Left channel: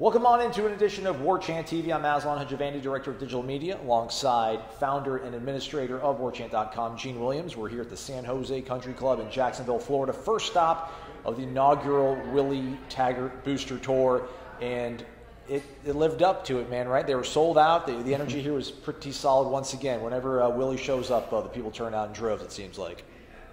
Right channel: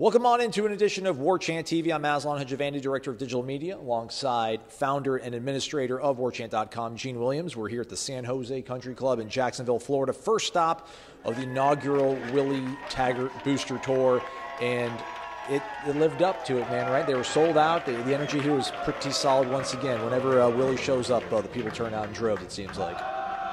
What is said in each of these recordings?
Welcome on into an edition of Warchant TV. I'm Aslan Hajavandi, Director of Digital Media, alongside founder and administrator of Warchant.com, Gene Williams. We're here at the San Jose Country Club in Jacksonville, Florida. First stop of the inaugural Willie Taggart Booster Tour, and it lived up to it, man, right? They were sold out. The energy here was pretty solid once again. Whenever Willie shows up, the people turn out in droves, it seems like.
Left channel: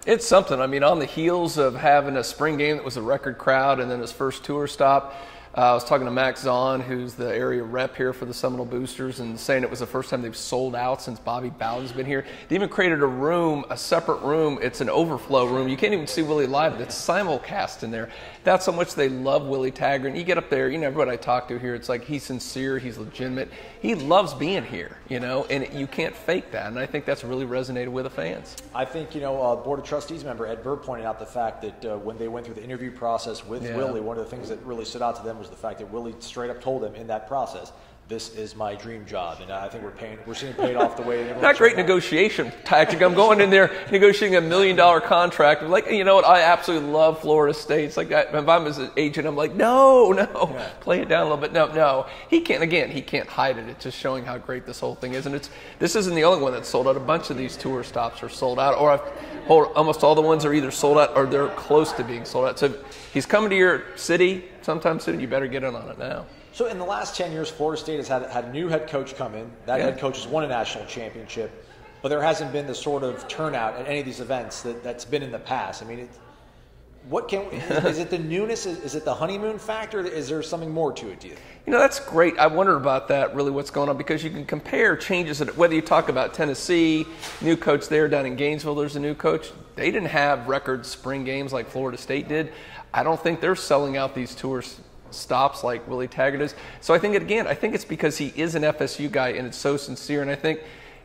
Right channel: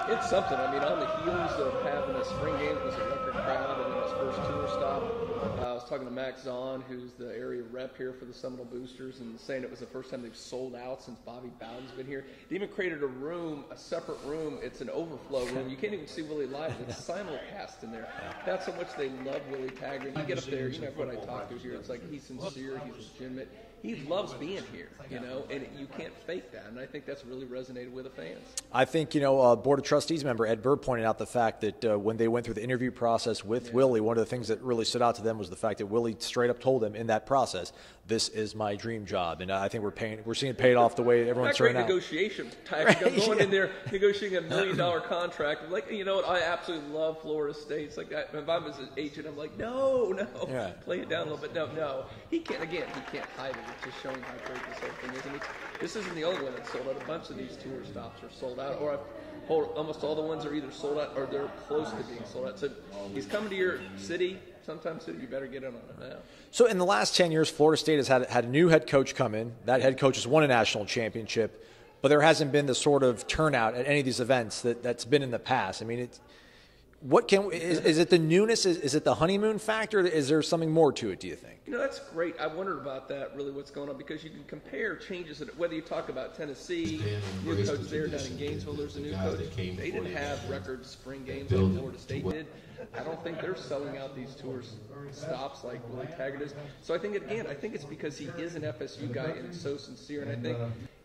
It's something. I mean, on the heels of having a spring game that was a record crowd and then his first tour stop, I was talking to Max Zahn, who's the area rep here for the Seminole Boosters, and saying it was the first time they've sold out since Bobby Bowden's been here. They even created a room, a separate room. It's an overflow room. You can't even see Willie live, but it's simulcast in there. That's how much they love Willie Taggart. And you get up there, you know, everybody I talk to here, it's like he's sincere, he's legitimate. He loves being here, you know, and you can't fake that. And I think that's really resonated with the fans. I think, you know, Board of Trustees member Ed Burr pointed out the fact that when they went through the interview process with Willie, one of the things that really stood out to them was the fact that Willie straight up told him in that process, "This is my dream job," and I think we're seeing it paid off the way everyone's not great negotiation tactic. I'm going in there negotiating $1 million contract. Like, you know what? I absolutely love Florida State. It's like that. If I'm his agent, I'm like, no, play it down a little bit. No, he can't. Again, he can't hide it. It's just showing how great this whole thing is. And this isn't the only one that's sold out. A bunch of these tour stops are sold out, or almost all the ones are either sold out or they're close to being sold out. So if he's coming to your city sometime soon, you better get in on it now. So in the last 10 years, Florida State has had a new head coach come in. That head coach has won a national championship, but there hasn't been the sort of turnout at any of these events that's been in the past. I mean, is it the newness? Is it the honeymoon factor? Is there something more to it, do you think? You know, that's great. I wonder about that, really, what's going on, because you can compare changes, whether you talk about Tennessee, new coach there, down in Gainesville, there's a new coach. They didn't have record spring games like Florida State did. I don't think they're selling out these tours stops like Willie Taggart is. So I think, it's because he is an FSU guy and it's so sincere, and I think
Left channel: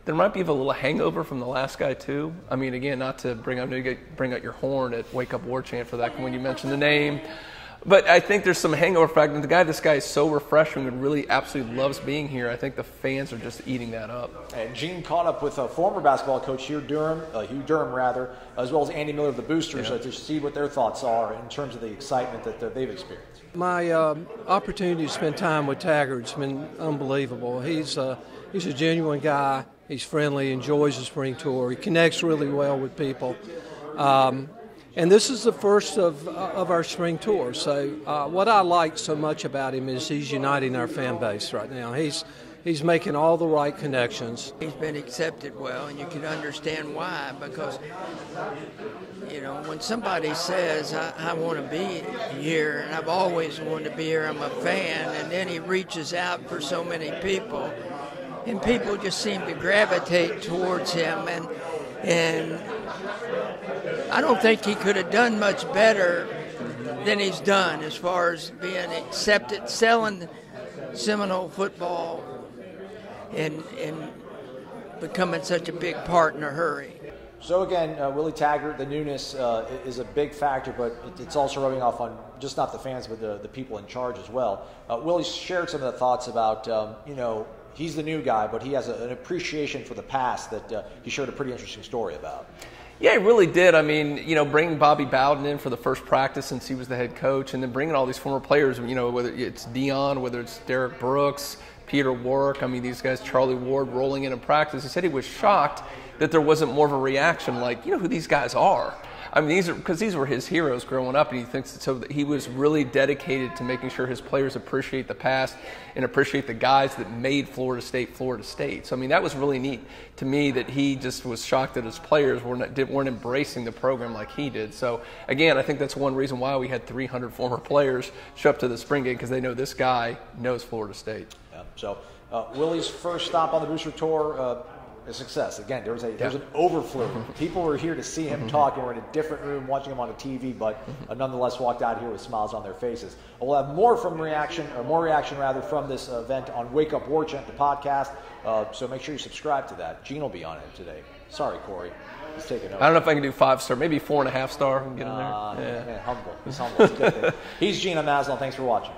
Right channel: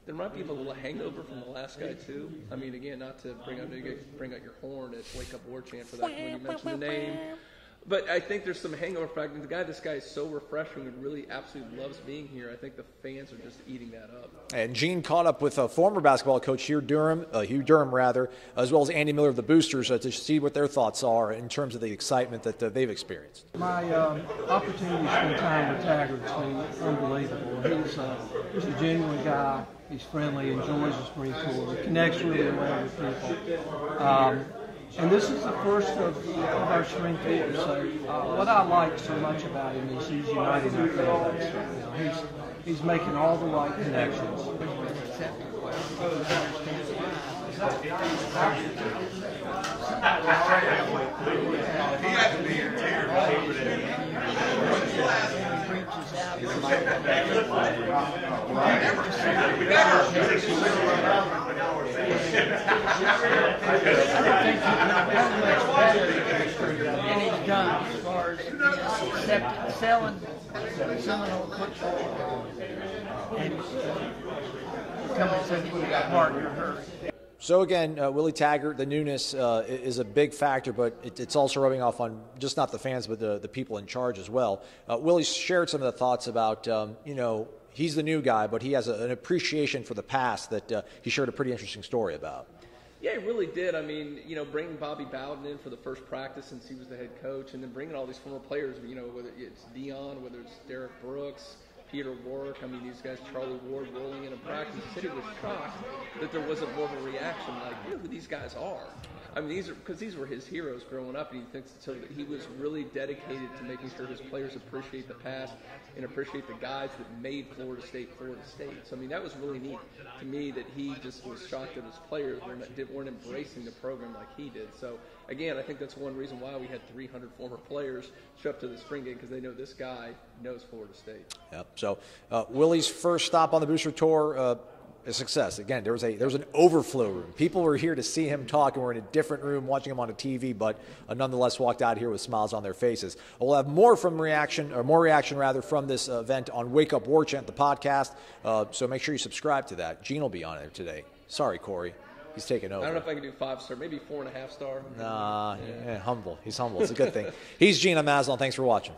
there might be a little hangover from the last guy too. I mean, again, not to bring out your horn at Wake Up Warchant for that when you mention the name, but I think there's some hangover factor. This guy is so refreshing and really absolutely loves being here. I think the fans are just eating that up. And Gene caught up with a former basketball coach, Hugh Durham, as well as Andy Miller of the Boosters, to see what their thoughts are in terms of the excitement that they've experienced. My opportunity to spend time with Taggart's been unbelievable. He's a genuine guy. He's friendly, enjoys the spring tour. He connects really well with people. And this is the first of our spring tour. So what I like so much about him is he's uniting our fan base right now. He's making all the right connections. He's been accepted well, and you can understand why, because, you know, when somebody says, I want to be here, and I've always wanted to be here, I'm a fan, and then he reaches out for so many people, and people just seem to gravitate towards him, and I don't think he could have done much better than he's done as far as being accepted, selling Seminole football, and becoming such a big part in a hurry. So again, Willie Taggart, the newness is a big factor, but it's also rubbing off on just not the fans, but the people in charge as well. Willie shared some of the thoughts about, you know, he's the new guy, but he has an appreciation for the past that he shared a pretty interesting story about. Yeah, he really did. I mean, you know, bringing Bobby Bowden in for the first practice since he was the head coach, and then bringing all these former players, you know, whether it's Dion, whether it's Derek Brooks, Peter Warwick, I mean, these guys, Charlie Ward, rolling in practice. He said he was shocked that there wasn't more of a reaction like, you know who these guys are. I mean, these were his heroes growing up, and he thinks that, so that he was really dedicated to making sure his players appreciate the past and appreciate the guys that made Florida State Florida State. So I mean, that was really neat to me, that he just was shocked that his players weren't embracing the program like he did. So again, I think that's one reason why we had 300 former players show up to the spring game, because they know this guy knows Florida State. Yep. So Willie's first stop on the Booster Tour. A success. Again, there's an overflow. People were here to see him talk, and we're in a different room watching him on a TV, but nonetheless walked out here with smiles on their faces. We'll have more reaction from this event on Wake Up Warchant, the podcast. So make sure you subscribe to that. Gene will be on it today. Sorry, Corey. He's taking over. I don't know if I can do 5-star, maybe 4.5 star. Humble. He's humble. It's a good thing. He's Gene. I'm Aslan. Thanks for watching.